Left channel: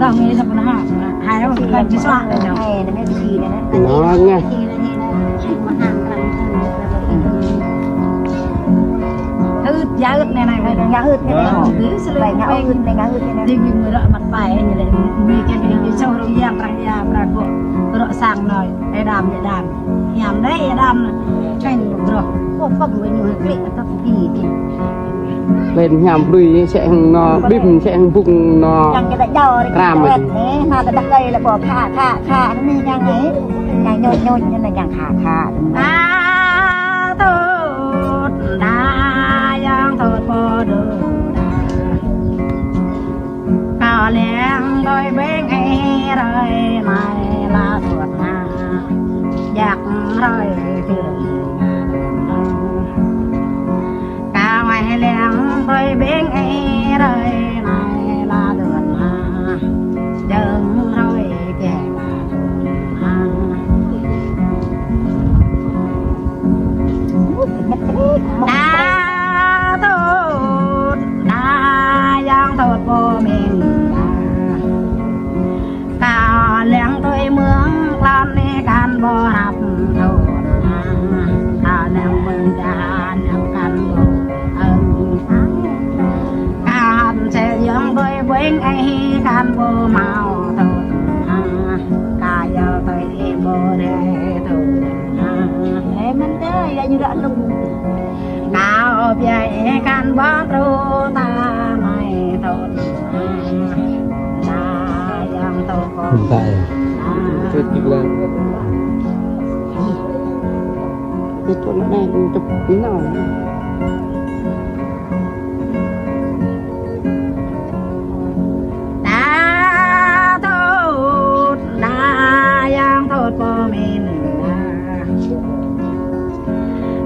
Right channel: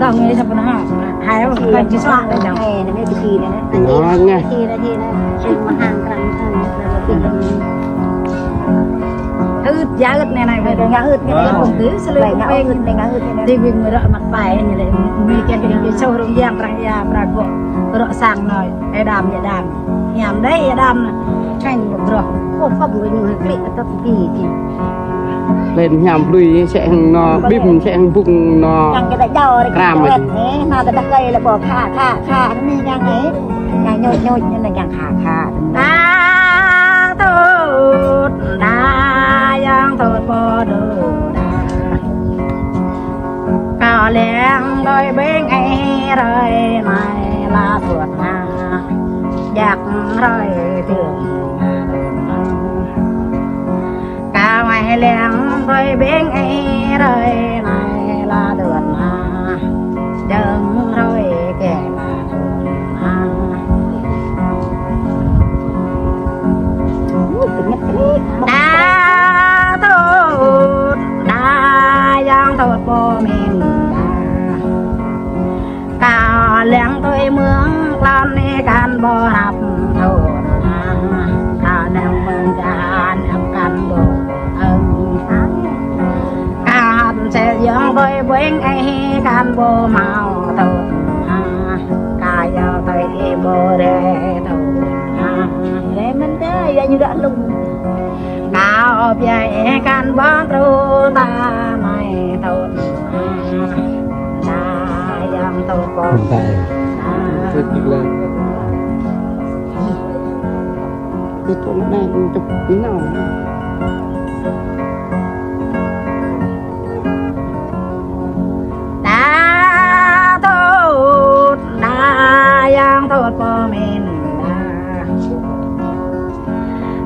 Còn nghe thật nó hai ông phải chỉ soạn đây đâu. Này nó mới bị gì này. nghe Thì là mà hàng Thứ giá ức này về ngã ức này không thứ sẽ lên cũng về thì mình người mặt bài như này mình cái show rồi giang răng ya prago rồi sang nói ai đam nhảm đấy đam tranh rồi không có người nhiều cái tập kỳ lên nhằm đuôi sẽ nó bếp sẽ vùng nó làm mà sao cái đây là bỏ thả nó như nhang ấy nhồi như này càng thả tốt đa yang tốt bò đồ cao leng đôi bên ấy rồi này là tuột na giặc rồi thường cao mày leng đôi bên ấy rồi này là tuột na đừng rồi kẻ leng tôi mướn lan đi can bò hạp thổ cả leng mừng cả nằm can bò cả sẽ dưỡng tôi bến ấy can bò màu thổ cả giờ tôi bò để thổ lên như đã lùng cao bia can bò trâu ta mày thổ không phải rất là cái chỗ đang tập nào đã tốt đã yang tốt của mình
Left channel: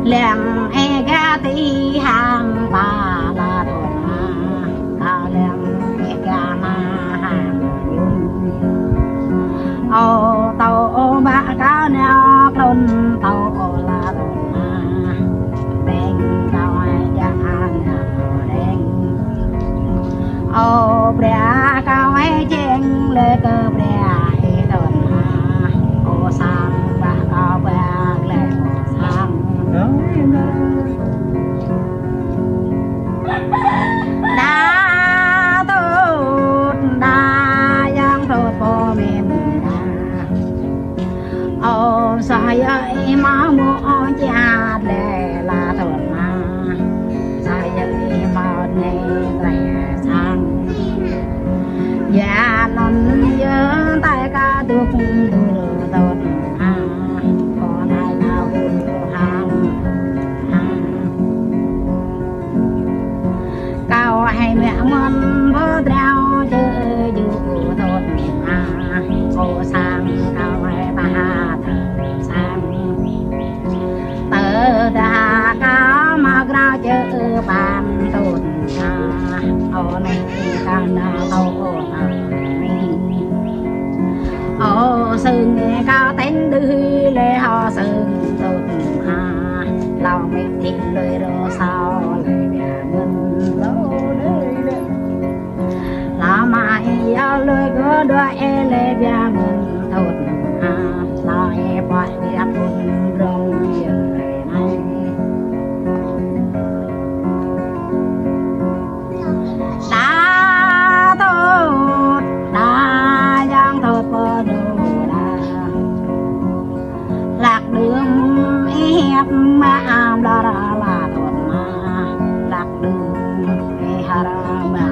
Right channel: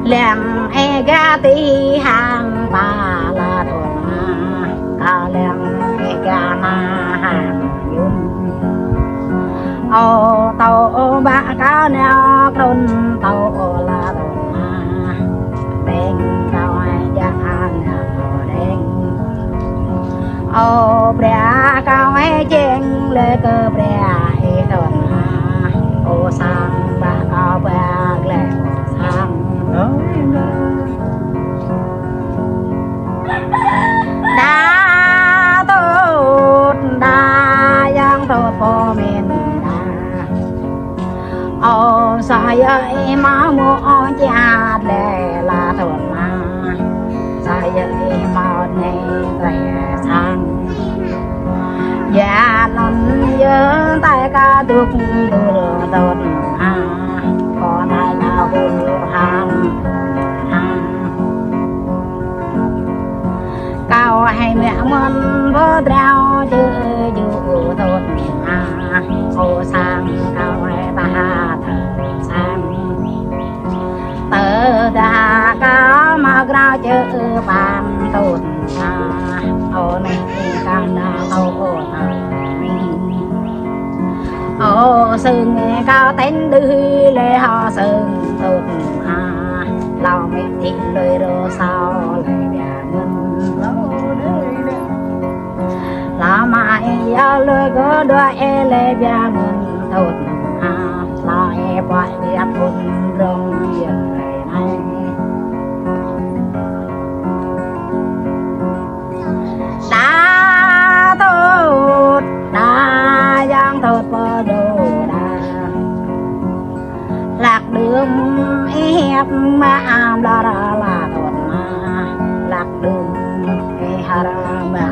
lem e ga ti hàng ta là tốt à lem e ga na hàng ô tàu bạ cá neo đôn tàu là đồn đen tàu ai ga đen ô bè cao ai chen lê cơ bè đồn ô sang bạ cao bè lê sang đã tốt đã yang tốt của mình ô sai ơi má mua cha lệ là thuận mà sai ơi má nè lệ sang dạ nón nhớ tay ca được đưa đồn có tay nào cũng ham cao hay mẹ mân vỡ treo chứ dù tốt ô sang cao hay ta tơ đà cá mà ra chữ bàn tụt ô này can đà tàu ô sừng cao tánh đưa lê họ sừng tụt lòng mình thịt lơi đồ sao lại bè ngân là mãi giao lơi có đôi lê bè ngân tụt lại bỏ đi thun rong đã tốt đã giang tốt bờ đồ lạc đường hẹp mà là tốt mà lạc đường hà ra mà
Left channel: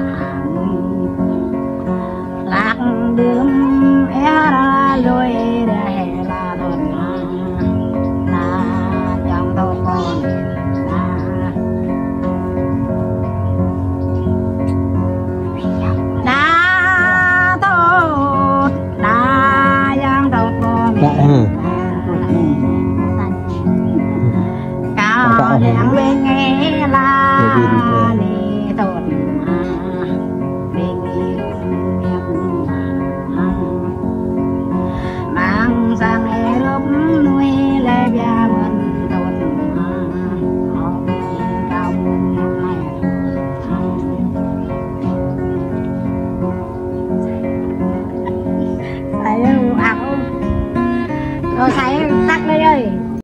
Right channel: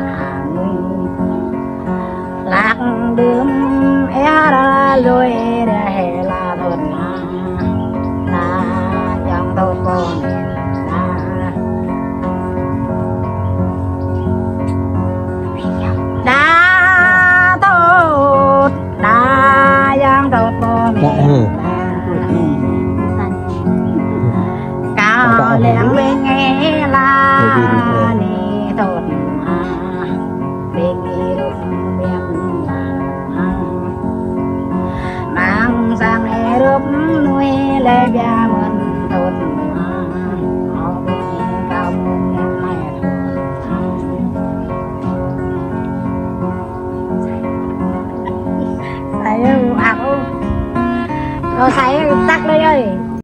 lạc đường Sai tắt đây ơi.